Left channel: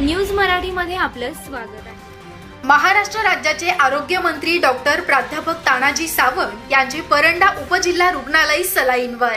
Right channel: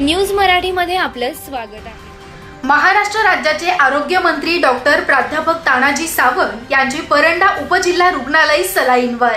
News मराठीमध्ये आपलं स्वागत आहे. महाराष्ट्र राज्याचे आरोग्यमंत्री डॉक्टर प्राध्यापक तानाजी सावंत यांची परंडा उपजिल्हा रुग्णालय सलाईनवर.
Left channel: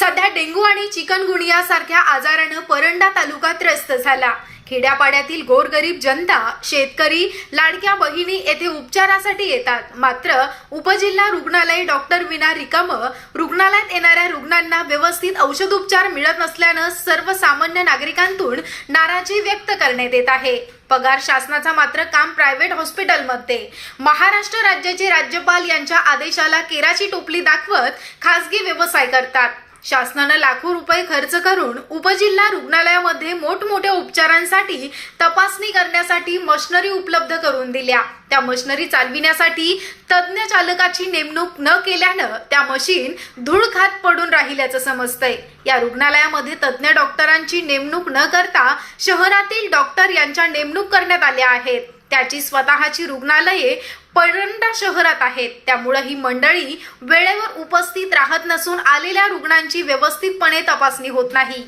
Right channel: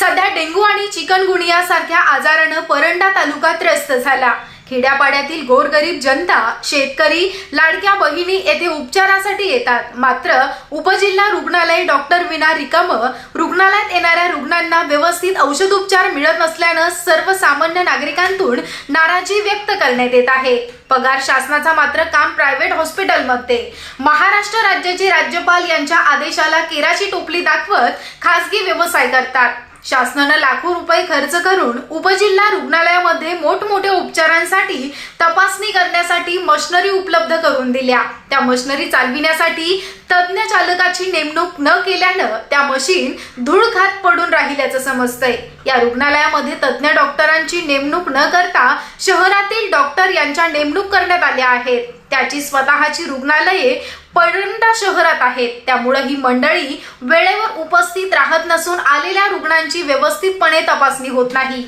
सध्या डेंग्यू आणि चिकनगुनिया सारख्या आजारानं परंडा तालुका त्रस्त झाला. खेड्यापाड्यातील गोरगरीब जनता शेतकरी लाडक्या बहिणी येथे उपचारासाठी येतात. मात्र उपजिल्हा रुग्णालय डॉक्टर विना रिकाम रुग्णालयात येणाऱ्या रुग्णांना व्यवस्थित औषधोपचार मिळत नसल्यानं सर्वसामान्य नागरिकांतून नाराजी व्यक्त करण्यात येत आहे. पगार शासनाचा मात्र काम प्रायव्हेट हॉस्पिटलमध्ये. महाराष्ट्र राज्याचे राज्यपाल यांच्या आदेशाला केराची टोपली दाखवत खासगी व्यवसाय करतात. शासनानं लाखो रुपये खर्च करून उपजिल्हा रुग्णालयामध्ये मोठमोठ्या उपचारांसाठी तपासणी करण्यासाठी मशनरी उपलब्ध करून दिल्या. त्या मशिनरी चालविण्यासाठी तज्ज्ञ चालकाची नेमणूक न केल्यानं त्या मशीन धूळ खात पडून राहिल्याचं समजतंय. या रुग्णालयामध्ये तज्ज्ञ डॉक्टरांची नेमणूक न करता शहरातील डॉक्टर यांच्या नेमणूक करण्यात आल्या आहेत. त्याची स्वतःची रुग्णालये परंडा शहरात आहेत. त्यामुळे ही मंडळी वेळेवर उपस्थित राहत नसून आलेल्या रुग्णांची व्यवस्थितपणे तपासणी होत नाही.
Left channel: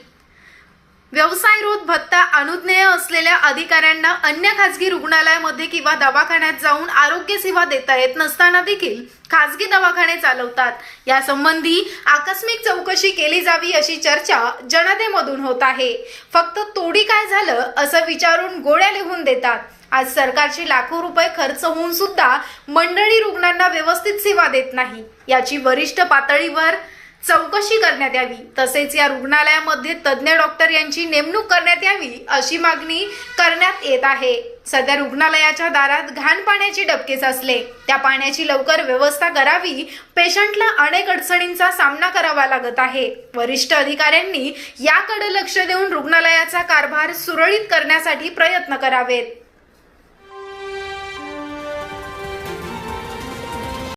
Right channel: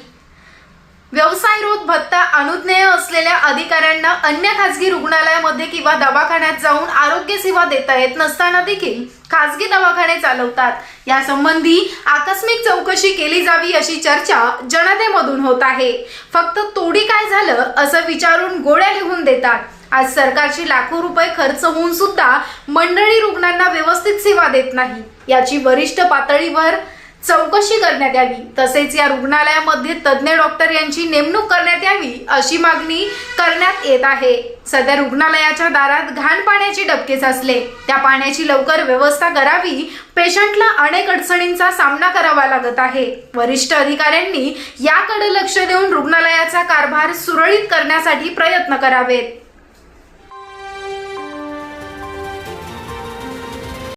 व्यवसायरोध भत्ता अनुज्ञेय असलेल्या अधिकाऱ्यांना अन्य खासगी रुग्णालयामध्ये किंवा दवाखान्यात जाऊन आरोग्य सेवा देता येत नसताना देखील खासगी दवाखाने चालवतात. यासंबंधी आकस्मिक चौकशी केली जावी अशी चर्चा जनतेमधून होत आहे. फक्त तोडी काय झालं असं विचारून गोळ्या लिहून देतात. आज सरकारची लाखो रुपये खर्च होऊन सुद्धा मंडळी रुग्णांना व्यवस्थित सेवा देत नाही. याची वरिष्ठ पातळीवर चौकशी करण्यात यावी. तसेच या रुग्णालयामध्ये तज्ज्ञ डॉक्टर यांची नेमणूक करण्यात यावी अशी मागणी करण्यात येत आहे. सध्या रुग्णालयाच्या दारात घाण पाण्याचे डबके साचले. त्या पाण्याची लवकर व्यवस्था करावी पेशंटला अनेक अडचणींचा सामना करावा लागत आहे. वरिष्ठ अधिकाऱ्यांनी याकडे लक्ष देऊन रुग्णालयाचा कारभार सुरळीत करण्यासाठी प्रयत्न करावेत.